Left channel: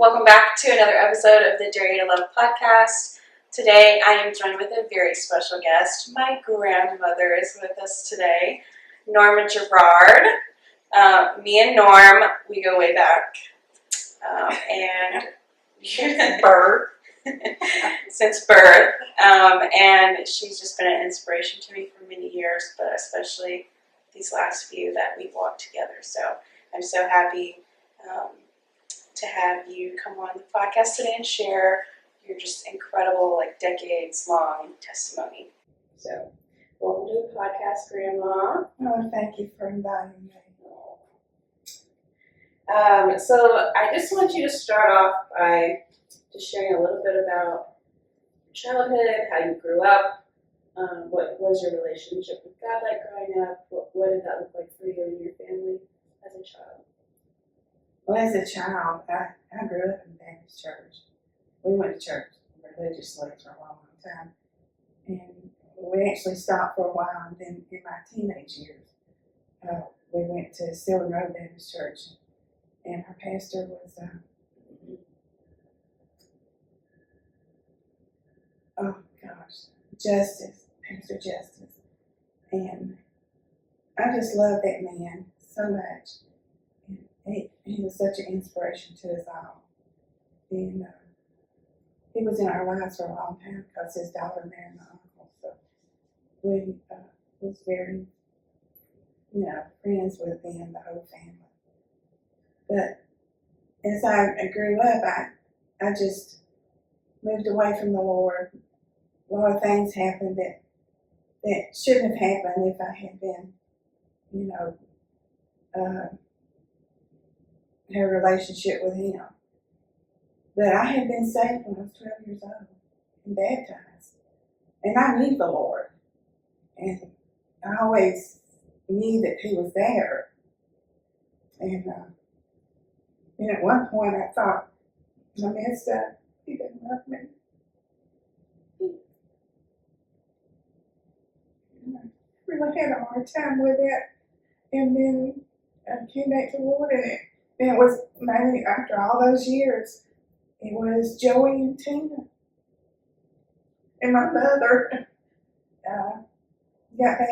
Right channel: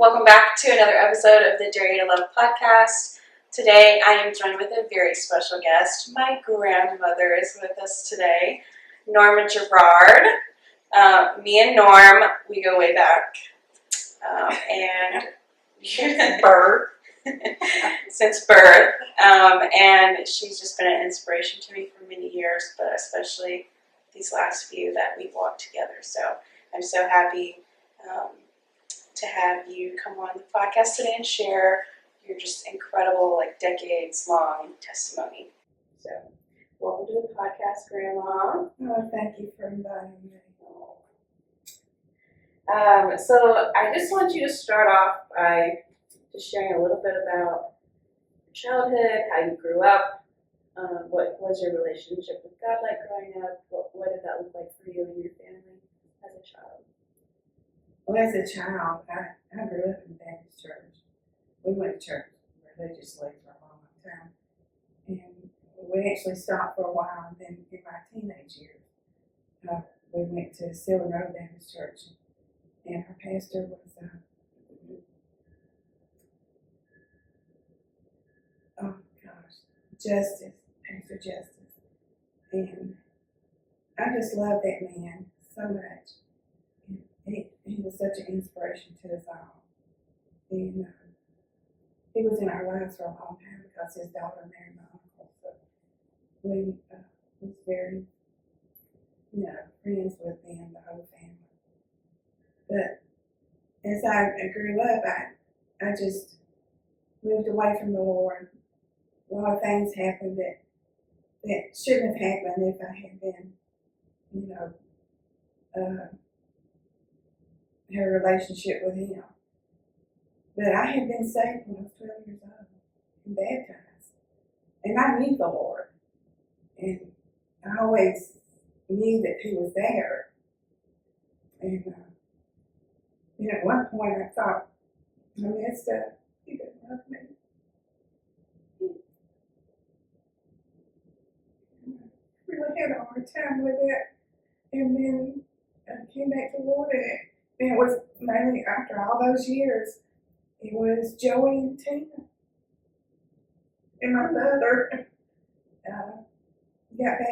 Welcome back to another episode of the Dare to Love podcast. Today I am joined with a very special guest. My grandmother is with us today, Norma Jarrard. Me and Norm, we go way back. And since birth. And she's just been an inspiration to me for many years, but especially these last few that we've walked together. So I'm so happy to have you come on the podcast today and share your just incredible, decades-long testimony. So, welcome to the podcast, Grandma. Oh, thank you for inviting me. So I just want you to start off by just sharing a little bit about your childhood, how you grew up, what was your relationship with God like growing up, what did that look like for you and your family as a child? Well, as a child, I grew up in the Baptist church. We went to church religiously for a long time. And we actually stopped for a while, and then in my teenage years, we went to Sylvan Road Baptist Church. And our pastor was, Pastor Justice. And I just love that man so much. He was such an inspiration to us all. And he was in our lives for a long time because his daughter married my uncle. So we was very, friends with them, the whole family. But as I grew up, I just moved away from the Lord. A lot of things happened that shouldn't have happened if I had been, had a relationship with Him. But I had been saved when I was 12 years old and baptized. And I knew the Lord. And I always knew that He was there. And at one point I thought, I messed up. He didn't love me. And I really had a hard time with it. And then I came back to the Lord, and it was mainly after all those years, it was Joey and Tina. And my mother got back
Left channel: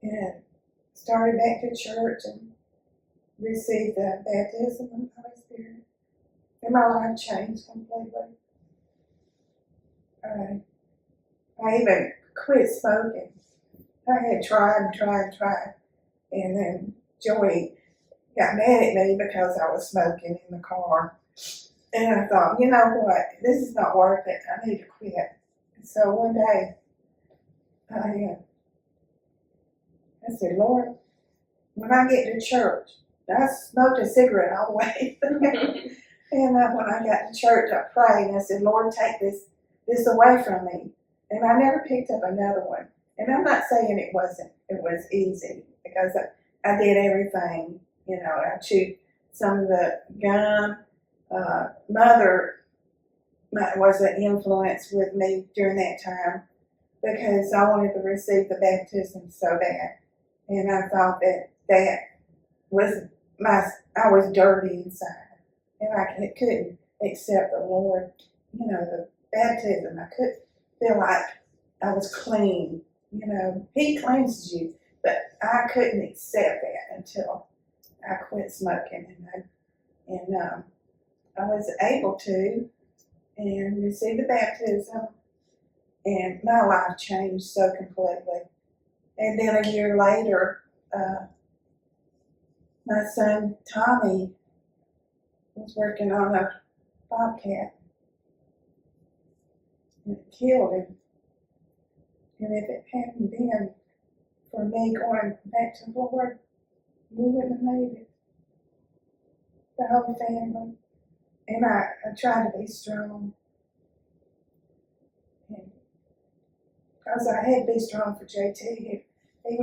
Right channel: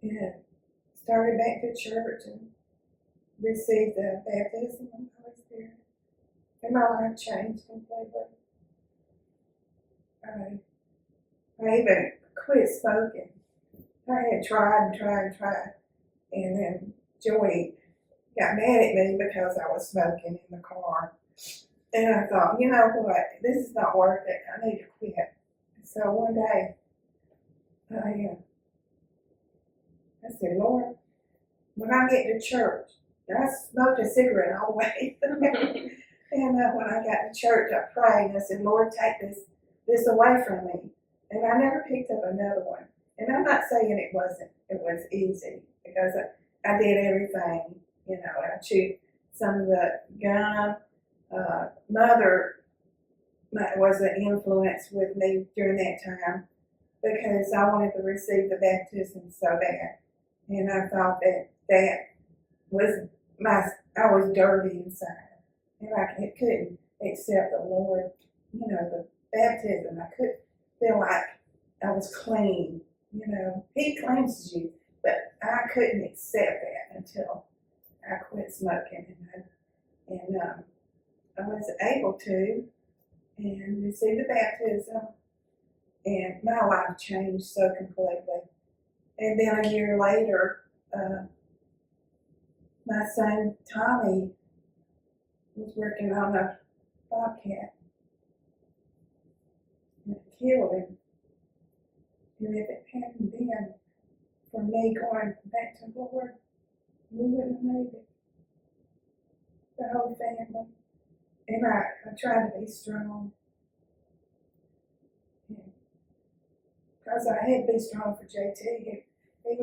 and started back to church and received the baptism of the Holy Spirit. And my life changed completely. I even quit smoking. I had tried. And then Joey got mad at me because I was smoking in the car. And I thought, you know what, this is not worth it. I need to quit. So one day, I said, Lord, when I get to church, I smoked a cigarette all the way. And when I got to church, I prayed and I said, Lord, take this away from me. And I never picked up another one. And I'm not saying it was easy, because I did everything. I chewed some of the gum. Mother was an influence with me during that time because I wanted to receive the baptism so bad. And I thought that was I was dirty inside. And I couldn't accept the Lord, the baptism. I couldn't feel like I was clean. He cleanses you, but I couldn't accept that until I quit smoking. And I was able to and receive the baptism, and my life changed so completely. And then a year later, my son Tommy was working on a bobcat and it killed him. And if it hadn't been for me going back to the Lord, we wouldn't have made it. The whole family. And I tried to be strong. Because I had to be strong for JT. He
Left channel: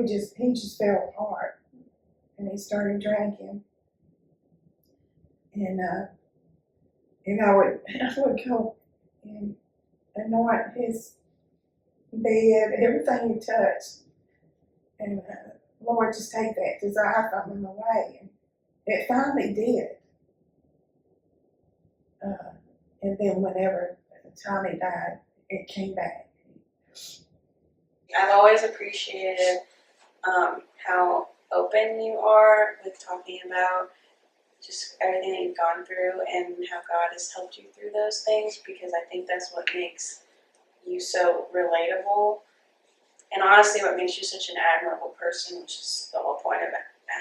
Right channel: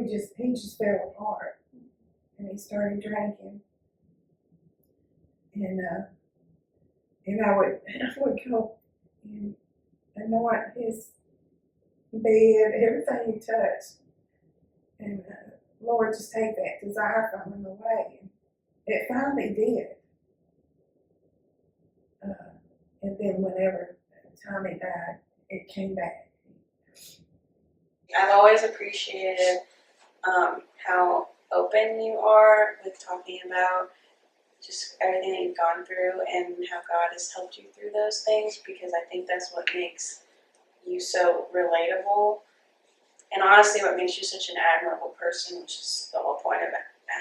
just fell apart. And he started drinking. And I would go and anoint his bed, everything he touched. And Lord, just take that desire from him away. And it finally did. And then whenever Tommy died, it came back. I've always appreciated how open you are with talking about just everything that you've gone through and how God has helped you through those things, because I think that's what makes you so relatable. And honestly, what makes you such an admirable person, which is the whole point of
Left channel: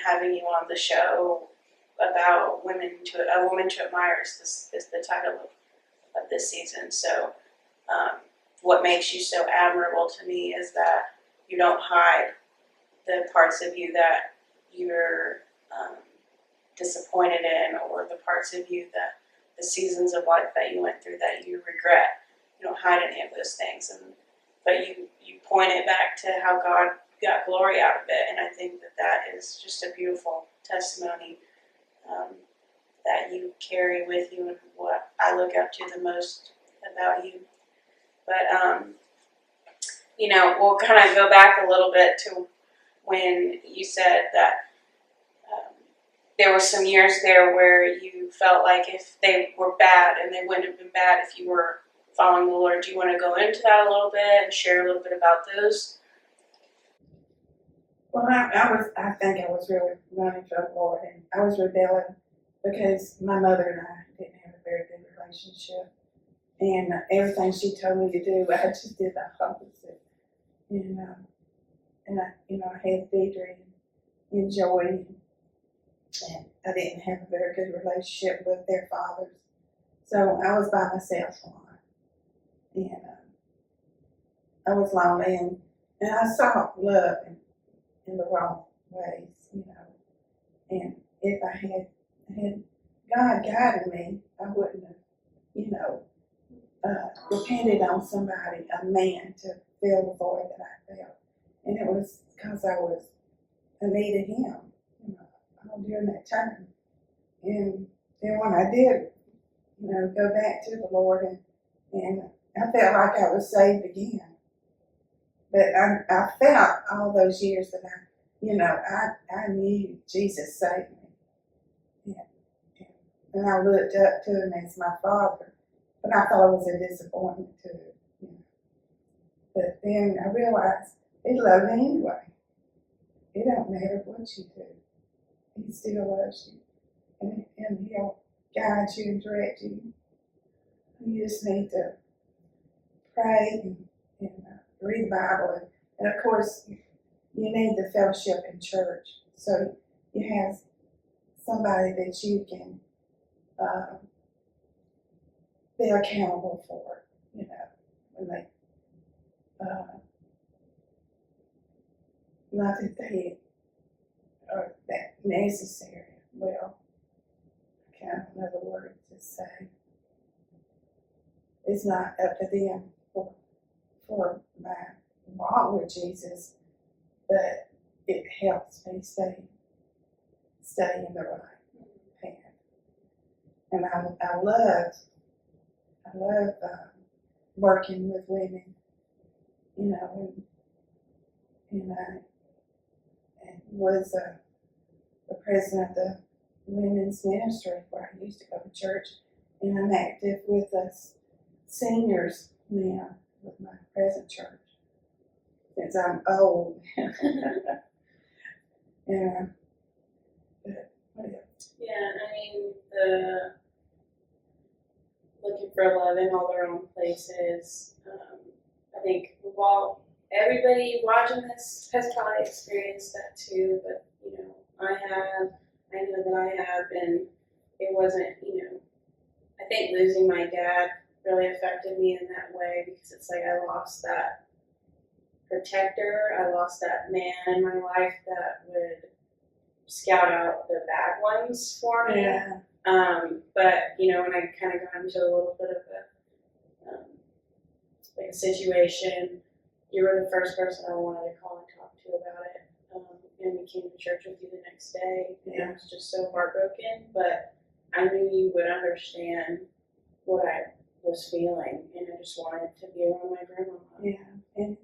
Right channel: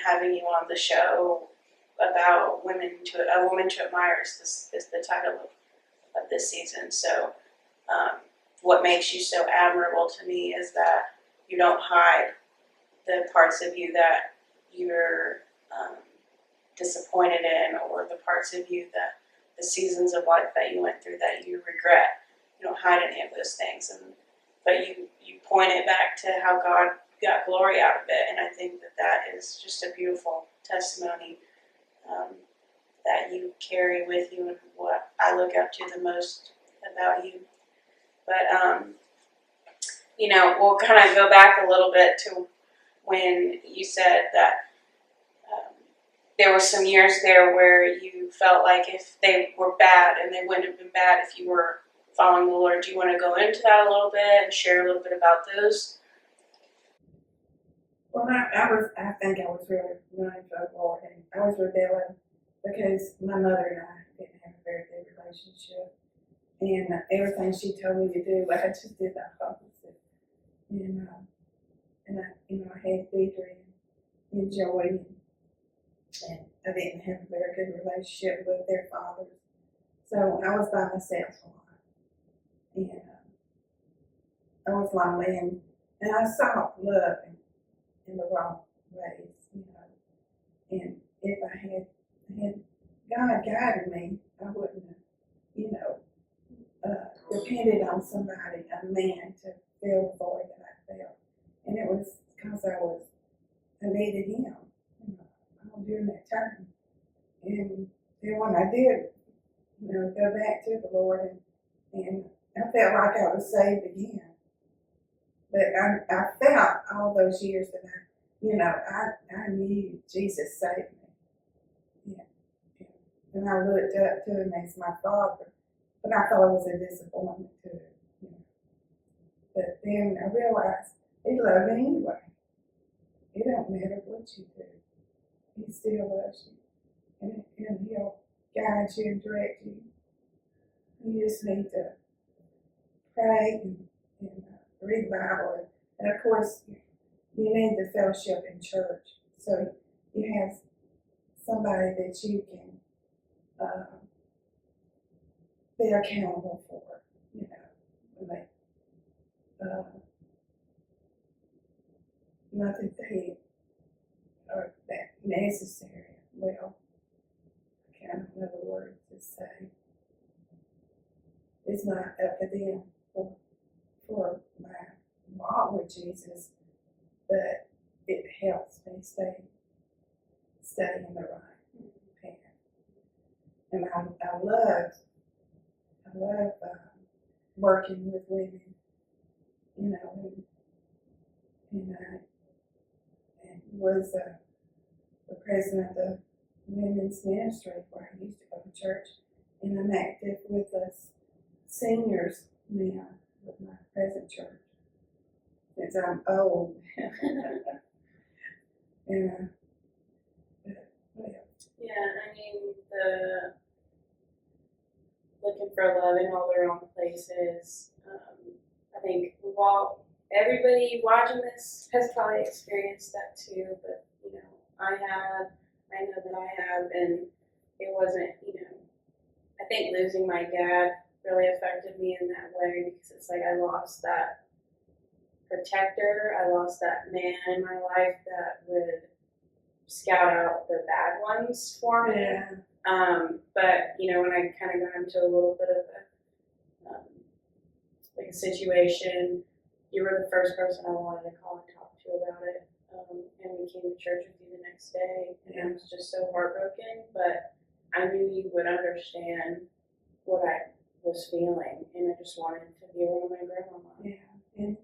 having you on the show about a woman to admire is the title of this season. So what makes you so admirable to me is that you don't hide the parts of you that you're disappointed in, or the parts of you that the seasons of life that you went through that you regret. You don't hide any of those things, but you point it back to how God got glory out of it, and I think that is just a beautiful testimony that you carry with you, and what I look up to the most about you. But we'll kind of go back a little bit to when you said that there were some years there where you felt like if they were bad, and they wouldn't have been bad if you were following the Lord. Do you want to go into that a little bit and share a little bit about those? Well, I think I was really running from the Lord, and I was rebelling because my mother and I didn't have a very good relationship, and everything she told me to do, I just did the opposite. And I had victory and joy, and I didn't have a very good relationship with their fathers, so I was by myself a lot, and I was lonely, and I saw love in the wrong ways, and if I had God guided me, I wouldn't have, depended on somebody, a man, to fill the void that I felt, and it was because I needed him, all during that time. And then when I did, go back to the Lord, and I felt like I was saved again. But I felt all those years that I knew Jesus saved me. And I looked up to him as my father, but I thought it was a disappointment to him. But then I realized he loved me anyway. It don't matter what you do. He still loves you. And he'll guide you and direct you. You just need to pray and read the Bible. And of course, you need the fellowship in church. So you have somebody that you can be accountable for, when they, not that they are that necessary. Well, I can't know the word to say. It's not up to them for my walk with Jesus, but it helps me stay in the right path. And I love working with women, and I was the president of the women's ministry where I used to go to church, and I'm active with us seniors now with my present church, since I'm old. And what else? Yeah, I mean, the looking for love in all the wrong places. I think everybody watching this has probably experienced that too, but I know that I have, and it wasn't, I think losing my dad really affected me in that way, because it's like I lost that protector, I lost that man in my life that would scout out the bad ones for me. Yeah. But when I kind of got into a little bit of a situation, you were the first person I wanted to call and talk to about it. And we came to church with you the next day, and I was just so heartbroken, but I knew you would understand what I was feeling, and I just wanted to be around my grandmama. Yeah, and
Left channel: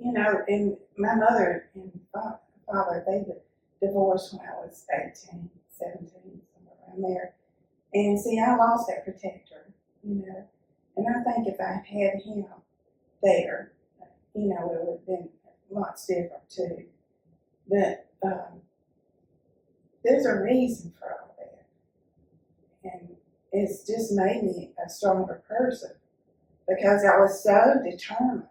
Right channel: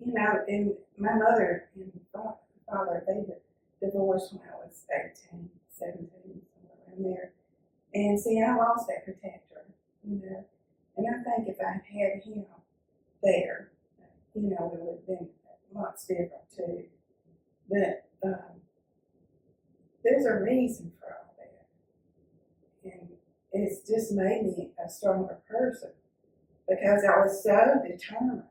and my mother and father, they divorced when I was 18, 17, somewhere around there. And see, I lost that protector. you know. And I think if I had him there, you know, it would have been lots different too. But there's a reason for all that. And it's just made me a stronger person because I was so determined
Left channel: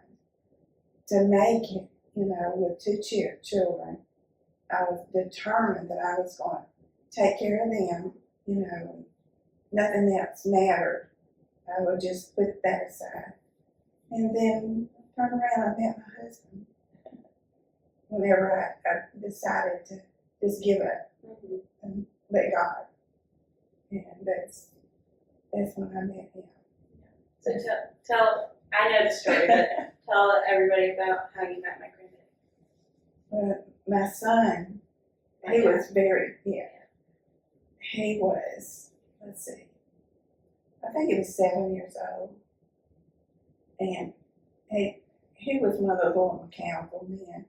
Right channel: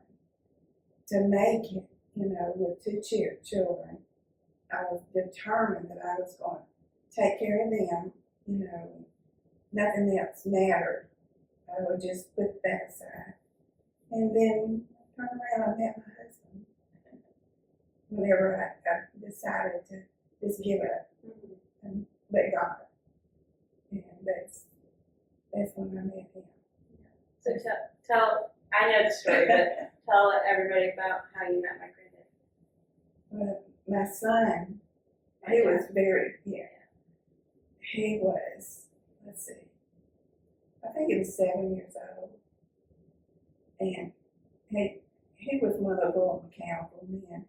to make it, you know, with two children. I was determined that I was going to take care of them, you know, nothing else mattered. I would just put that aside. And then turn around and met my husband whenever I decided to just give up and let God. And that's when I met him. So tell I know the story, but tell everybody about how you met my granddad. Well, my son, he was very, he was, let's see, I think he was 7 years old. And he was one of those little mechanical men.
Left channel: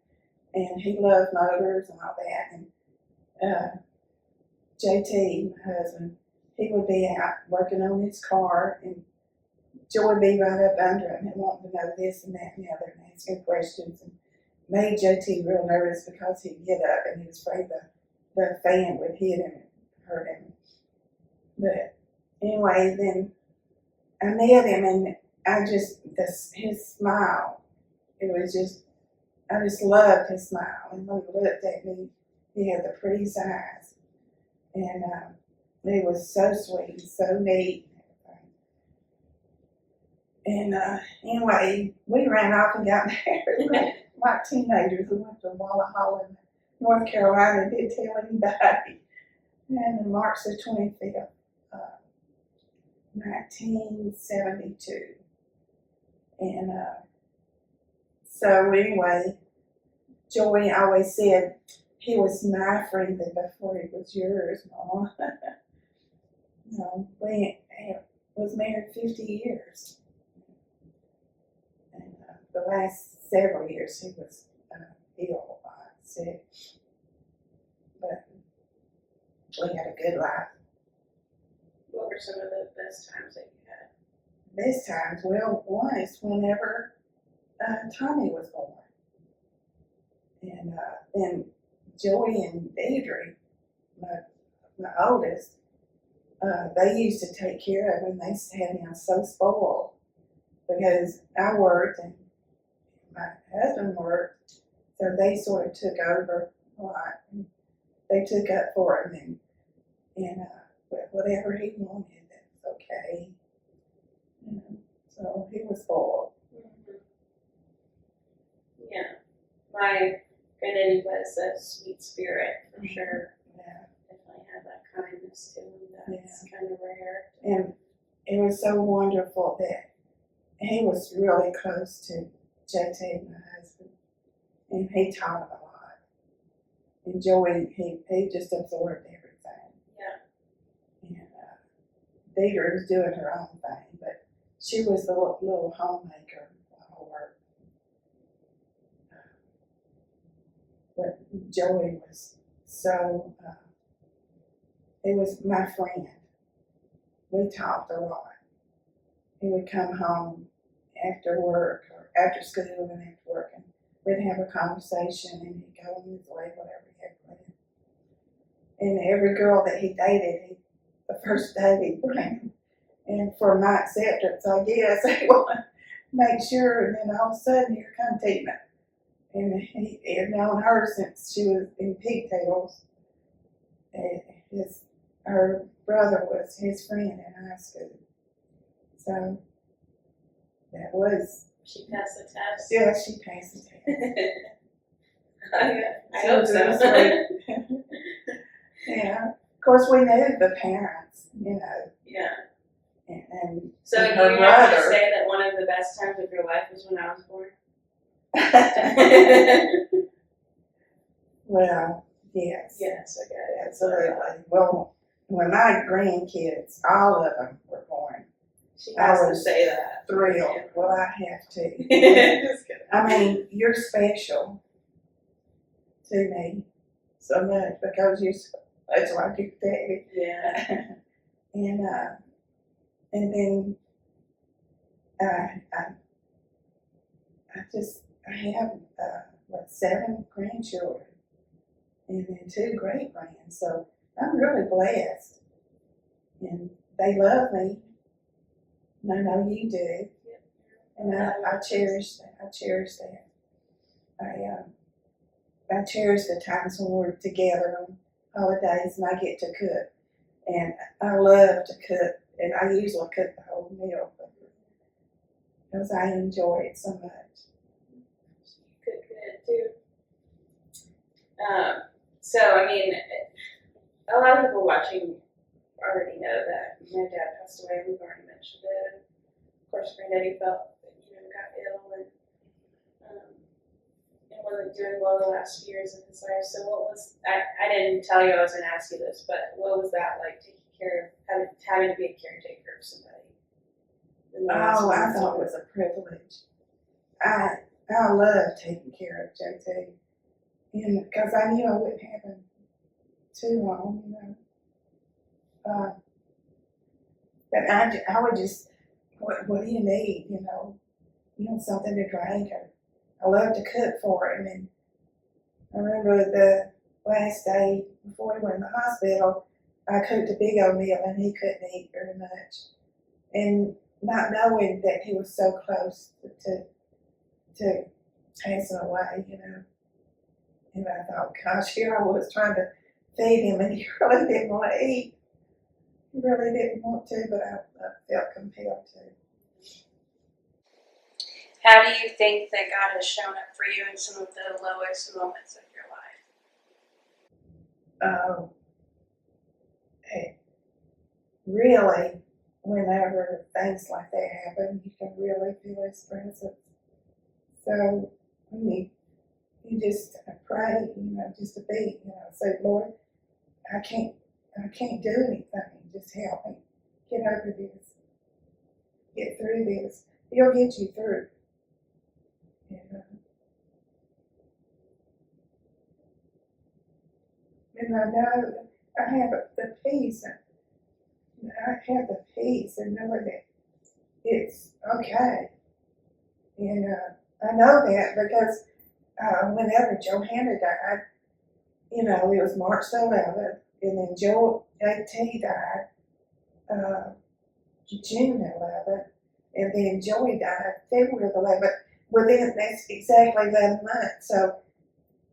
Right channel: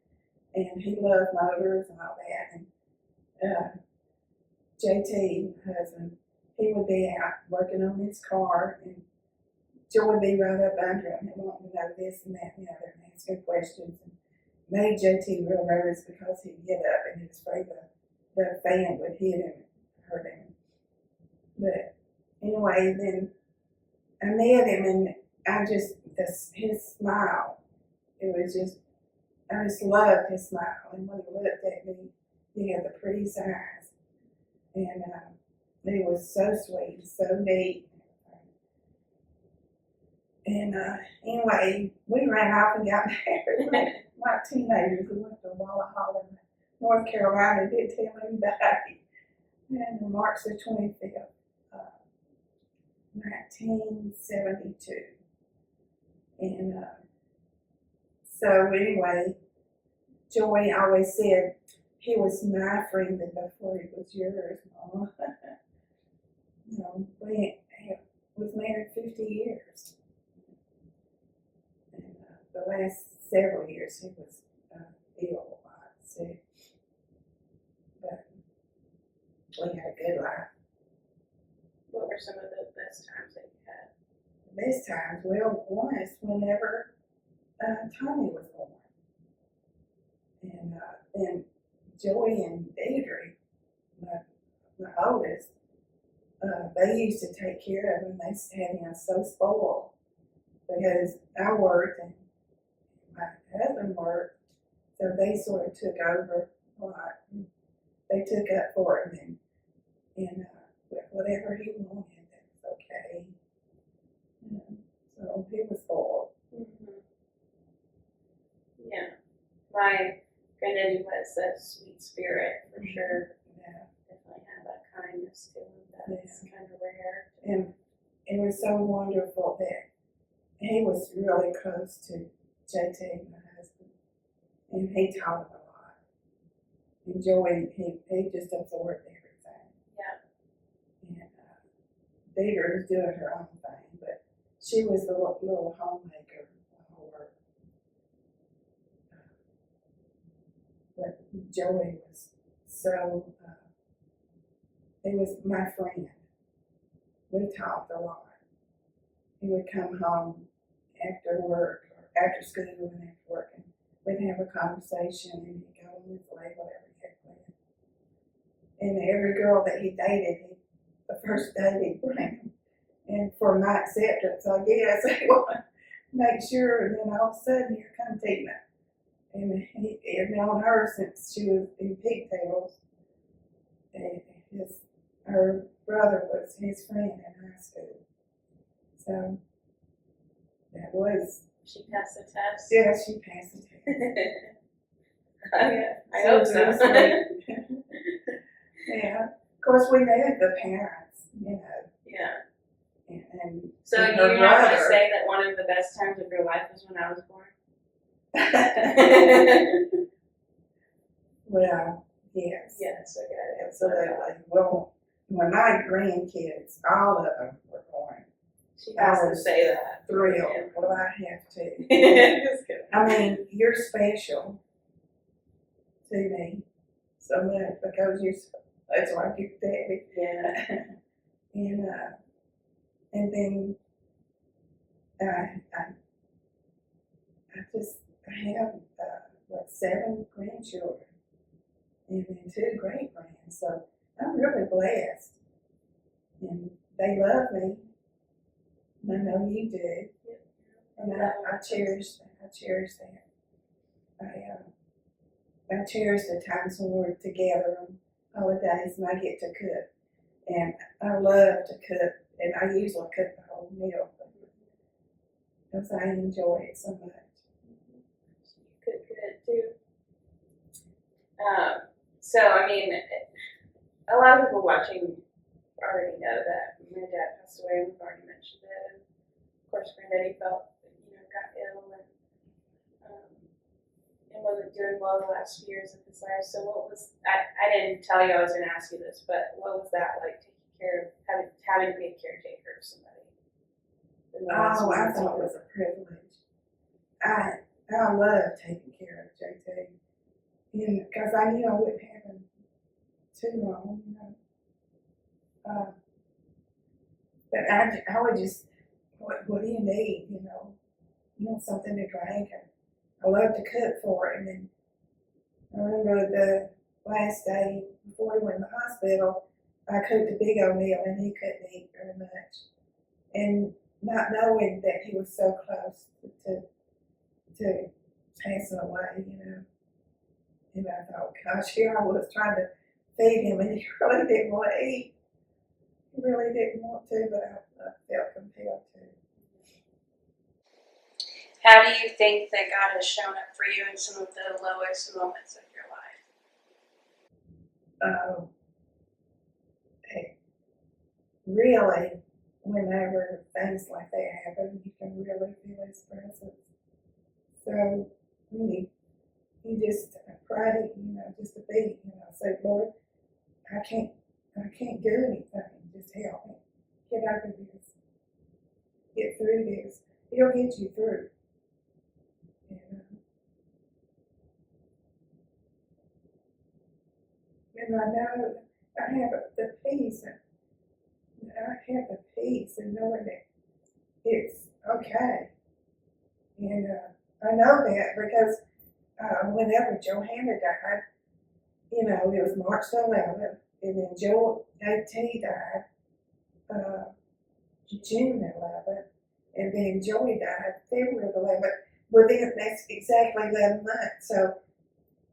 And he loved motors and all that. And JT, my husband, he would be out working on his car, and Joe would be right up under him and wanting to know this and that and the other, and asking questions, and made JT real nervous because he'd get up and he was afraid the fan would hit him and hurt him. But anyway, then I met him, and his smile, it was just, I just loved his smile. And when he looked at me, he had the prettiest eyes. And he was so sweet, so neat. And anyway, we ran off and got married like teenagers. We went to Walla Hall in North Carolina and didn't tell anybody. And on March the 25th, 1972. And so anyway, Joey always said he was my friend before he was yours, Mama. No, we was married 50 years. And the last several years he was ill, sick. But we had a good life. What were some of the best times that you had? Best times, well, one is whenever Tommy was born. And then Joey and Deidre, my oldest, they used to take care of him. They had him so spoiled because I worked and my husband worked, so they sort of took over a lot. And they took up for him, and whatever he wanted, that was okay. You know, so he was spoiled. Mm-hmm. Yeah, my granddaddy was a sweet spirit for sure. Yeah. Definitely had that kindness to him that's kind of rare. And it was so wonderful that he was really close to JT, my husband, and he taught him a lot. And Joey, he just absorbed everything. Yeah. And Deidre was doing her own thing, but she was the little homemaker of her. But Joey was so, he was my friend. We talked a lot. He would come home after work or after school and after work, and we'd have a conversation, and he'd go on his way, whatever he had planned. And every girl that he dated, the first day he'd bring. And for my acceptance, I guess, he wanted to make sure, and then all of a sudden, here come Tina. And he had known her since she was in pigtails. And her brother was his friend in high school. So that was. She passed the test? Yeah, she passed the test. I hope so. Yeah. Of course, we knew the parents, you know. Yeah. And so and you her want brother. to say that one of the best times of your life was when I was born? Well, yes. Yes, okay. Absolutely. Well, when my grandkids, all of them were born, She has I to was say that. thrilled. Well, I have to. Just kidding. I mean, you're special to me so much because you're so much like your daddy. Yeah. And then I have, 7 grandchildren and then 2 great grands. So I'm really blessed. And they love me. And I know you do. And I cherish that. I cherish that. I cherish the times when we're together on holidays and I get to cook. And I love to cook. And I usually cook the whole meal because I enjoy it so much. You cook good too. So, I mean, a lot of people watching already know that my dad passed away, and we've already mentioned it. And of course, Granddaddy got ill and wasn't doing well the last few years of his life. So, I didn't tell you I was going to ask you this, but what was that like, taking care of, having to be a caretaker of somebody? Oh, I thought it was a privilege. I love taking care of JT. And because I knew I wouldn't have him too long, but I would just, what do you need, something to drink. I love to cook for him. And I remember the last day before he went in the hospital, I cooked a big old meal and he couldn't eat very much. And not knowing that he was so close to passing away, And I thought, gosh, here I was trying to feed him, and he really didn't want to eat. He really didn't want to, but I felt compelled to. How do you think that God has shown up for you in some of the lowest moments of your life? Really, whenever things like that happen, you can really feel His presence. So, you just pray, just to be, say, Lord, I can't do anything. Just help me get over this, get through this. He'll get you through. And I know I have the peace, and I have the peace and knowing that it's okay. And I know that because whenever Johanna died, it was March the 11th, and then JT died June 11th, and then Joey died February 11th. That's exactly 11 months. So,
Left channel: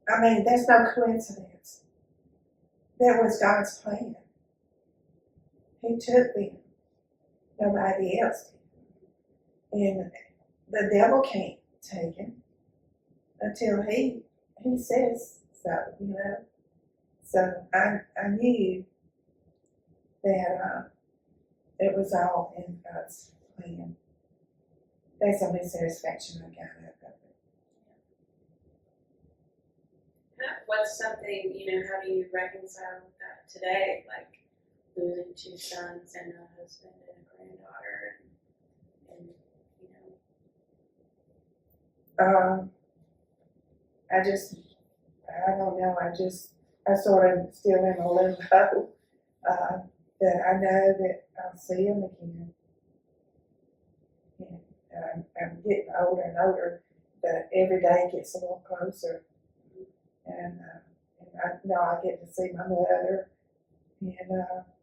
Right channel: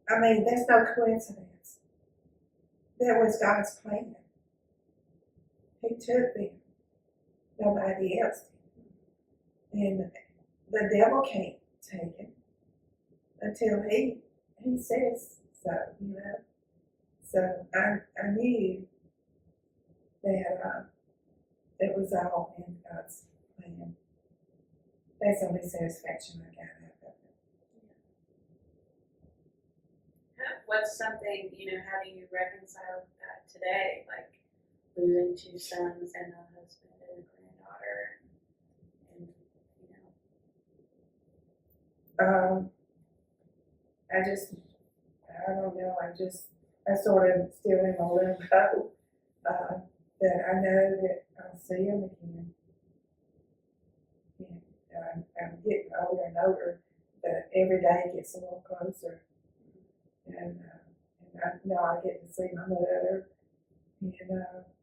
there's no coincidence. That was God's plan. He took them. Nobody else did. And the devil can't take him until he says so, So I knew that it was all in God's plan. That's the only satisfaction I got out of it. What's something, how do you reconcile with that today? Like losing 2 sons and a husband and a granddaughter and I don't know, I sort of still in a limbo, that I know that I'll see him again. And I'm getting older and older, but every day gets a little closer. And I know I get to see my mother and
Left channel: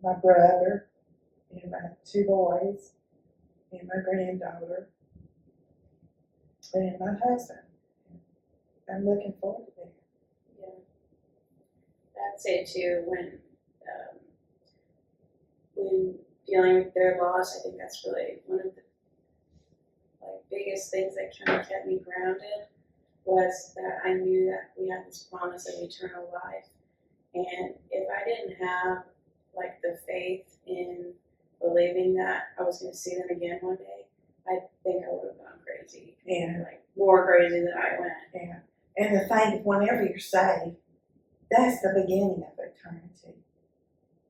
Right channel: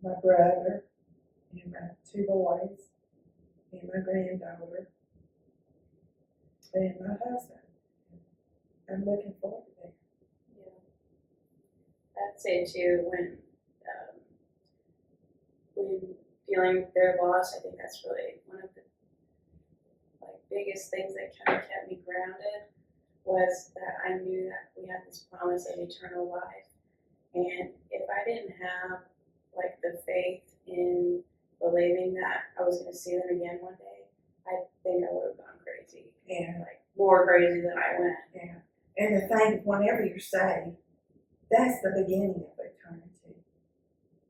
my brother and my 2 boys and my granddaughter and my husband. I'm looking forward to that. Yeah. I'd say too, when dealing with their loss, I think that's really one of the biggest things that kind of kept me grounded was that I knew that we had this promise of eternal life. And if I didn't have the faith in believing that I was going to see them again one day, I think I would have gone crazy. Yeah. More crazy than I went. Yeah. And the thing, whenever you're saved, that's the beginning of eternity.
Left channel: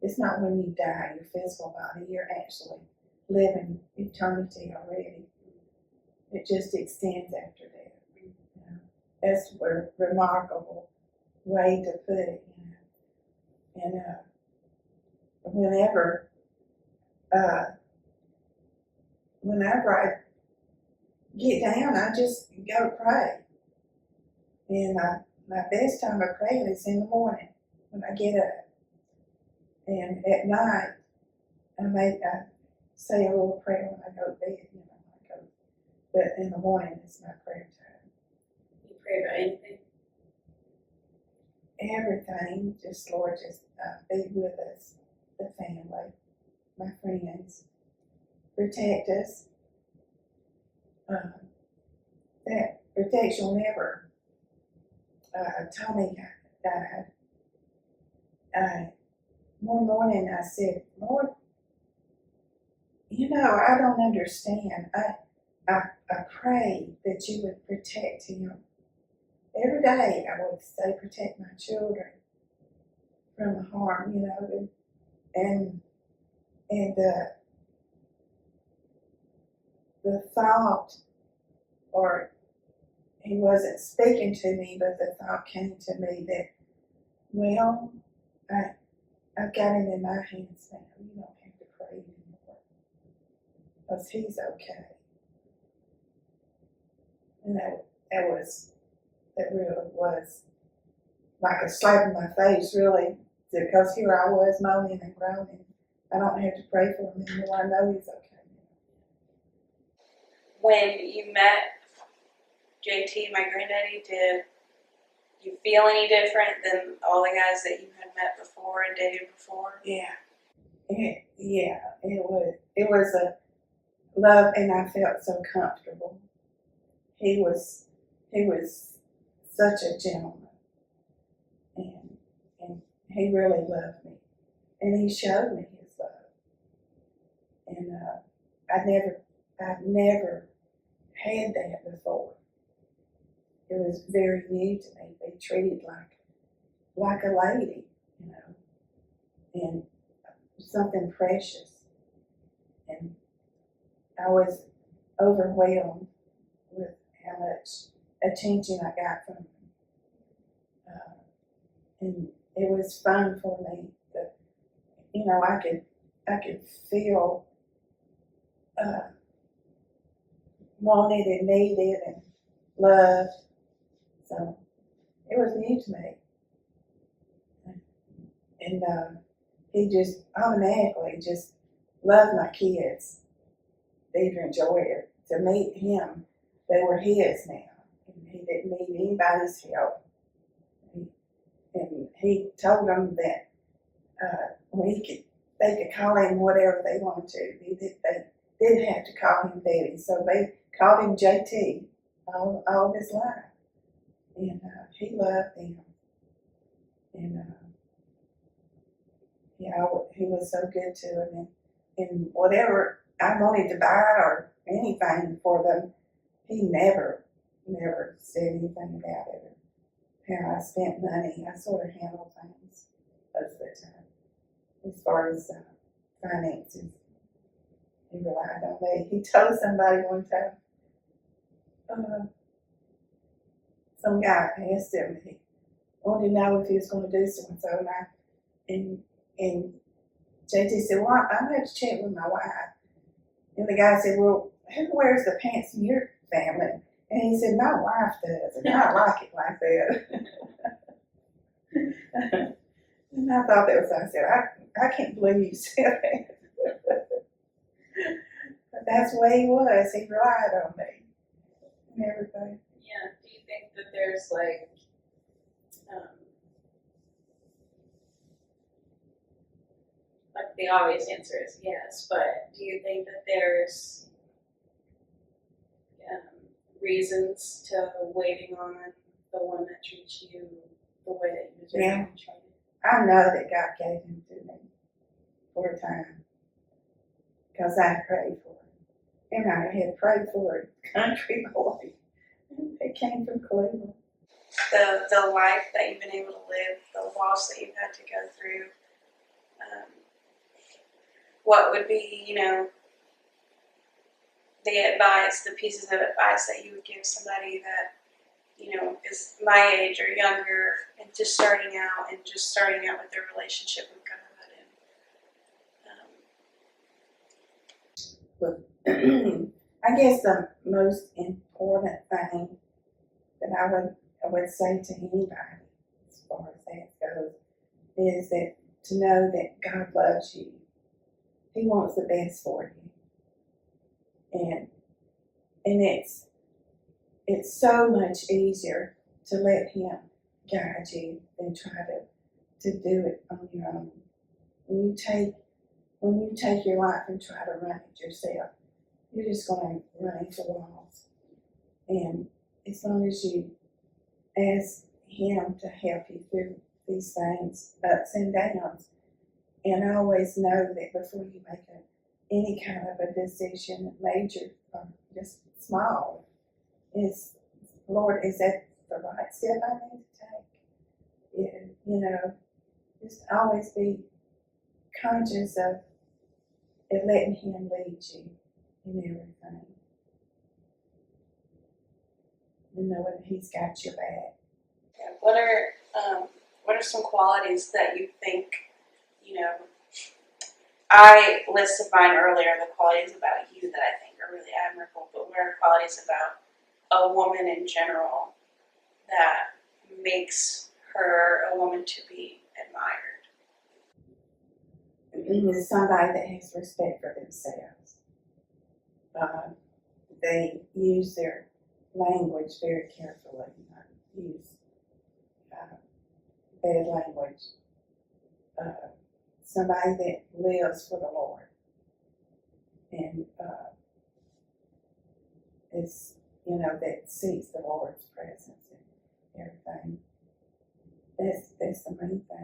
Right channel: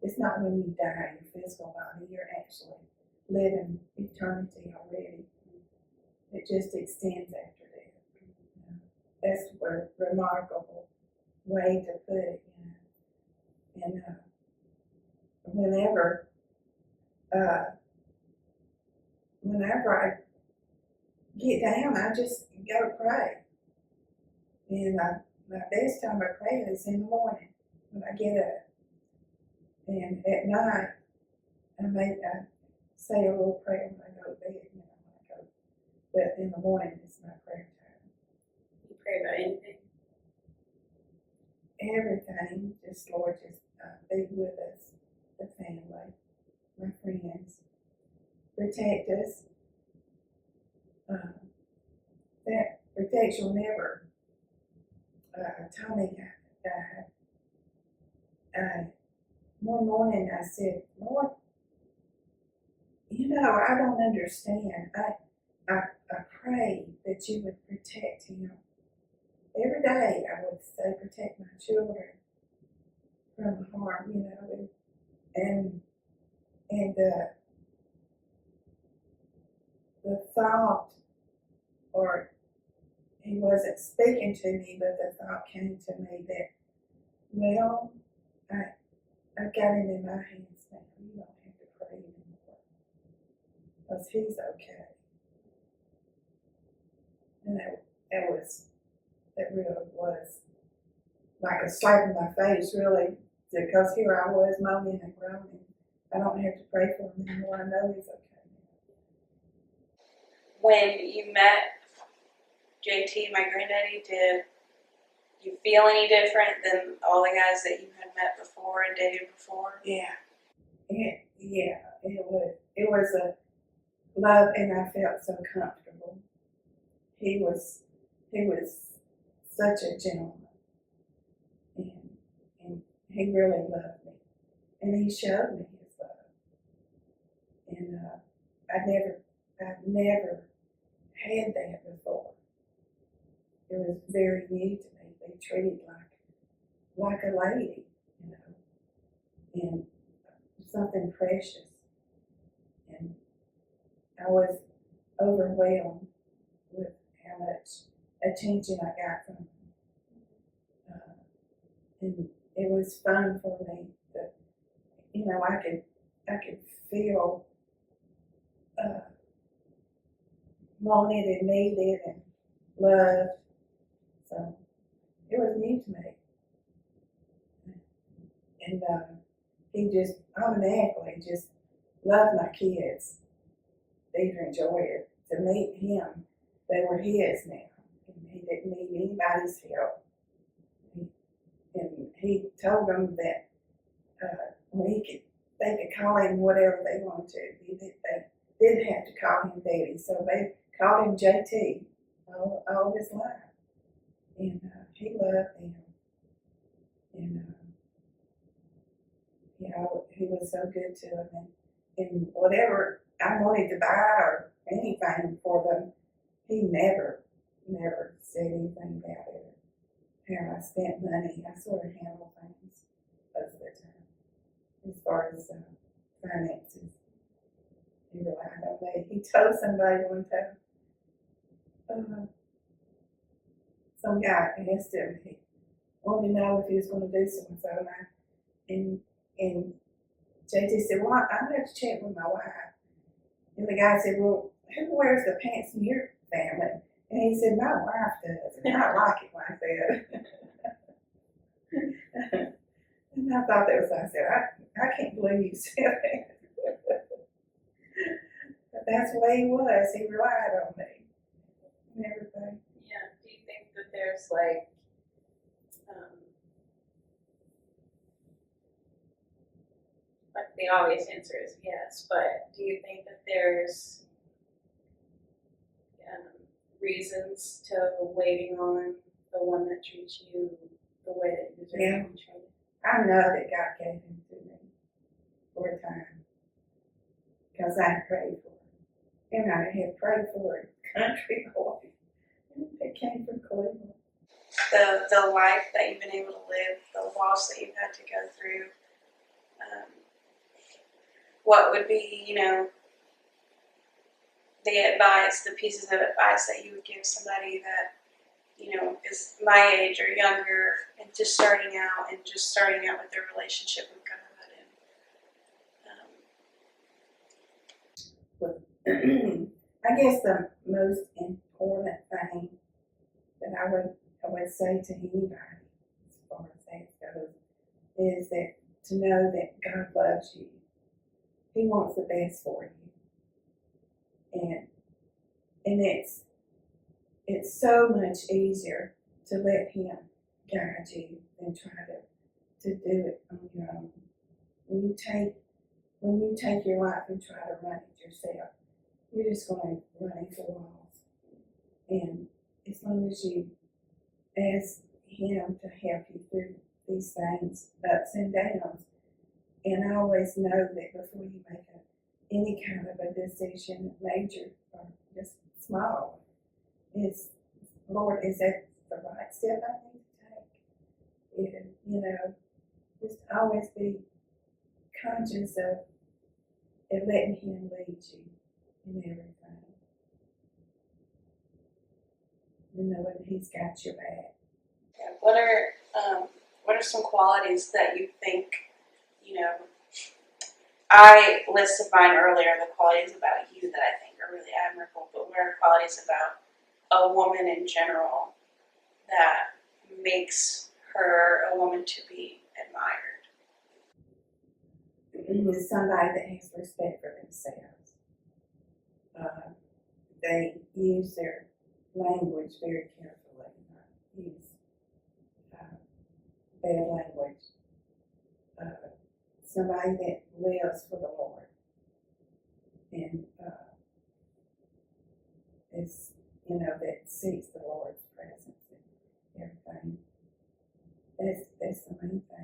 It's not when you die, your physical body, you're actually living eternity already. It just extends after that. That's a remarkable way to put it. And whenever I get down, I just go pray. And my best time of praying is in the morning when I get up. And at night, I say a little prayer when I go to bed, you know, when I go. But in the morning, it's my prayer time. You pray about anything? Everything, just Lord, just be with us, the family, my friends, protect us. That protection will never. Tommy died. One morning I said, Lord, you know, I don't understand. I pray that you would protect him. Every day I would say, protect my children from harm, you know, and the thought, or he wasn't speaking to me, but the thought came to me that, well, I've got him in my hands now. You don't have to pray anymore, because he's okay. And that really was like a slap in my face, really, because here I was moaning and groaning. I don't have to pray for him anymore. I know he's okay. When you met JT, my granddaddy, did you feel any different than all the guys that you had met before and dated before? Yeah. It was a love, and I felt so comfortable. He was such a gentleman, and he really loved me, and he showed me his love. And I've never had that before. It was very new to me. Be treated like a lady, you know, and something precious. And I was overwhelmed with how much attention I got from him. And it was fun for me. But, you know, I could feel wanted and needed and loved. So it was new to me. And he just automatically just loved my kids. They even enjoyed it. To meet him, they were his now. And he didn't need anybody's help. And he told them that they could call him whatever they wanted to. They didn't have to call him Daddy, so they called him JT all of his life. And he loved them. And he was so good to them. And whatever I wanted to buy or anything for them, he never said anything about it. How I spent money, I sort of handled things most of the time. As far as finances, he relied on me. He told somebody one time, some guy asked him, he wanted to know if he was going to do so and so, and JT said, well, I'm going to have to check with my wife. And the guy said, well, who wears the pants in your family? And he said, my wife does, and I like it like that. And I thought that was, I said, I can't believe you said that. But that's the way he was. He relied on me and everything. Yeah. Do you think that there's like the obvious answer is yes, but do you think that there's reasons to waiting on the one that treats you the way that you deserve to be treated? I know that God gave him to me for a time because I prayed for him. And I had prayed for a country boy that came from Cleveland. The life that you've been able to live, the loss that you've had to go through, what would be, the advice, the pieces of advice that you would give somebody that, is my age or younger and just starting out with their relationship with God? I I guess the most important thing that I would say to anybody, as far as that goes, is that to know that God loves you. He wants the best for you, and it's so much easier to let Him guide you than try to do it on your own. When you take your life and try to run it yourself, you're just going to run into walls. And as long as you ask Him to help you through these things, ups and downs, and always know that before you make any kind of a decision, major or just small, is, Lord, is that the right step I need to take? You know, just always be conscious of letting Him lead you in everything. And knowing He's got your back. Yeah, what are some qualities that you think, you know, I listed mine earlier, the qualities about you that I think are really admirable, but what are qualities about a woman in general that makes her a woman to be admired? Is somebody that has respect for themselves. They use their language very carefully, not use bad language. Somebody that lives for the Lord and is, that seeks the Lord's presence and everything. That's the main thing.